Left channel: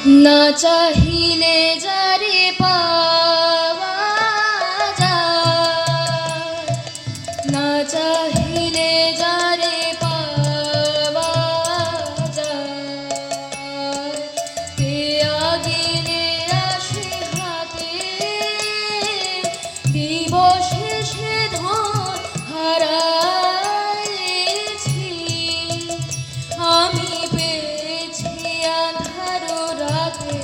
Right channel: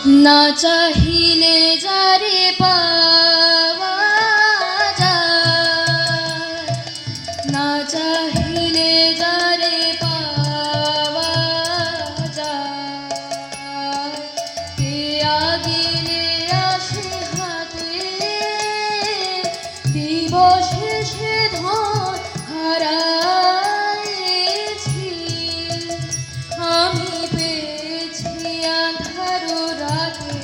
না চাহিলে যারে পাওয়া যায়, না চাহিলে যারে পাওয়া যায়, কে আগিলে আসে হাতে দিবসে সে ধন হারাইছি। আমি পেয়েছি আঁধার রাতে,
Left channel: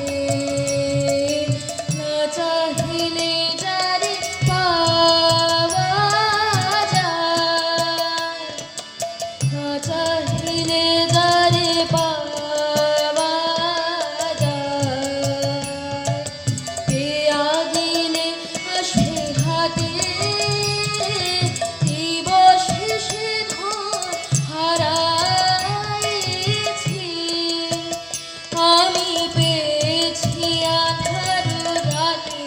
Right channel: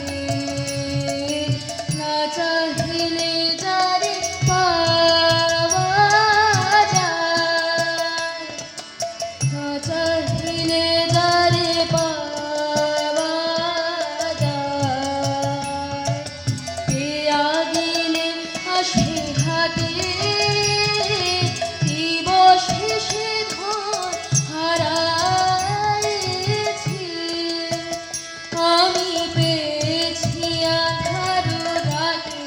না চাহিলে যারে পাওয়া যায়, না চাহিলে যারে পাওয়া যায়, কে আগিলে আসে হাতে দিবসে সে ধন হারাইছি। আমি পেয়েছি আঁধার রাতে,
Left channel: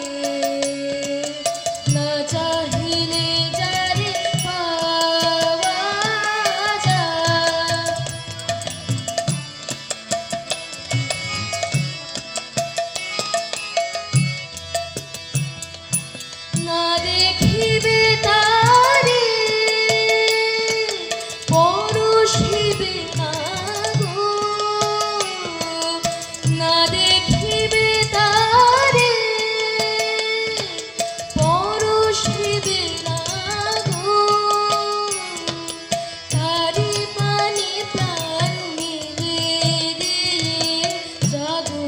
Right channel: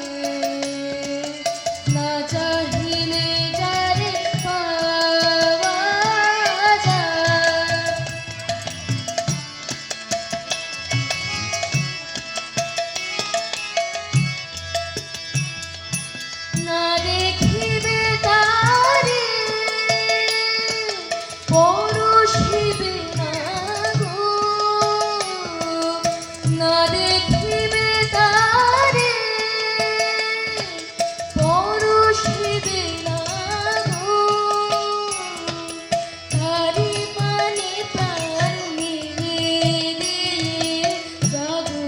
না চাহিলে যারে পাওয়া যায়। না দেখিবে তারে পরশিবে না গো, না দেখিবে তারে পরশিবে না গো, তারি পানে প্রাণ মিলে দিয়ে জাগো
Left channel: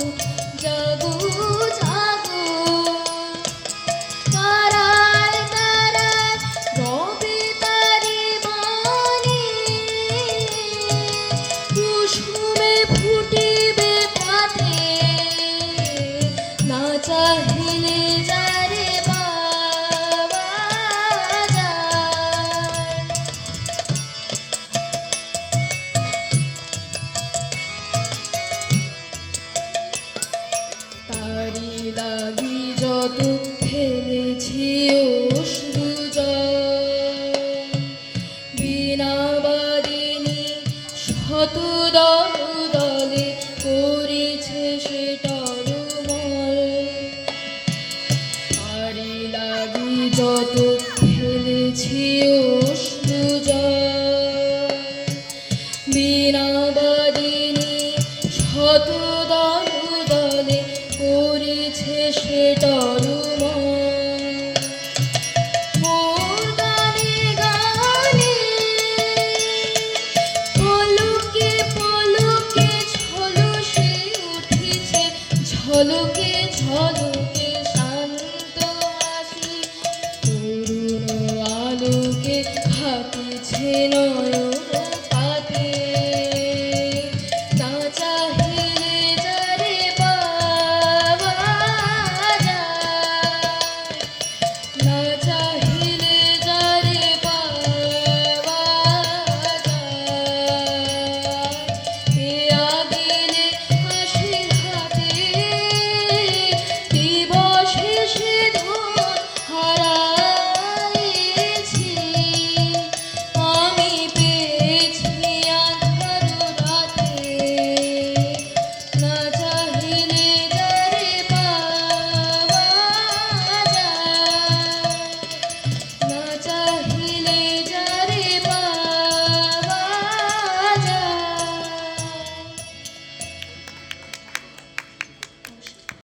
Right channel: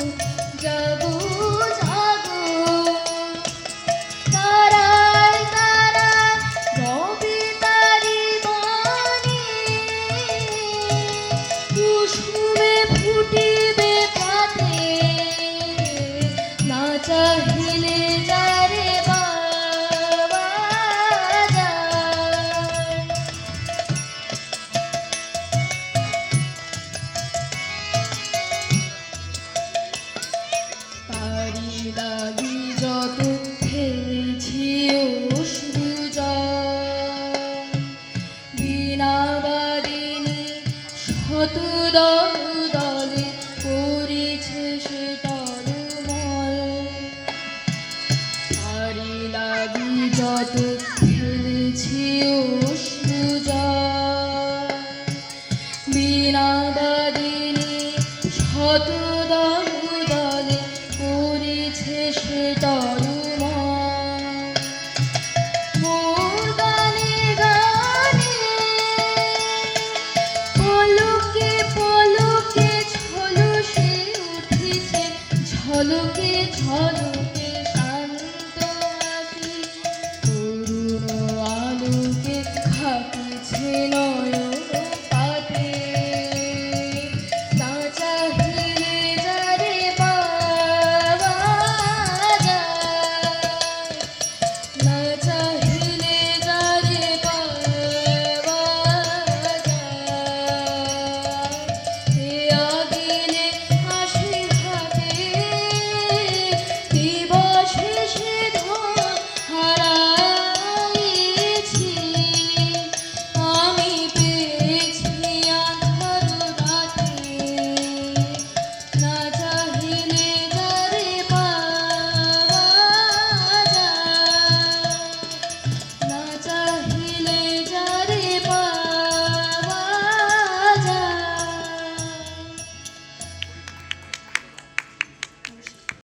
জাগো জাগো। তারায় তারায় রবে তারি বাণী, কুসুমে ফুটিবে পাতে, না চাহিলে যারে পাওয়া যায়। তারি লাগি যত ফেলেছি অশ্রু জল, বিনা বাদিনী শত দল দলে করেছে সে টলমল। তারি লাগি যত ফেলেছি অশ্রু জল, বিনা বাদিনী শত দল দলে করেছে সে টলমল। মোর গানে গানে পলকে পলকে ঝলসে উঠিছে, ঝলকে ঝলকে শান্ত হাসি, করুণ আলোকে হাকিছে নয়ন।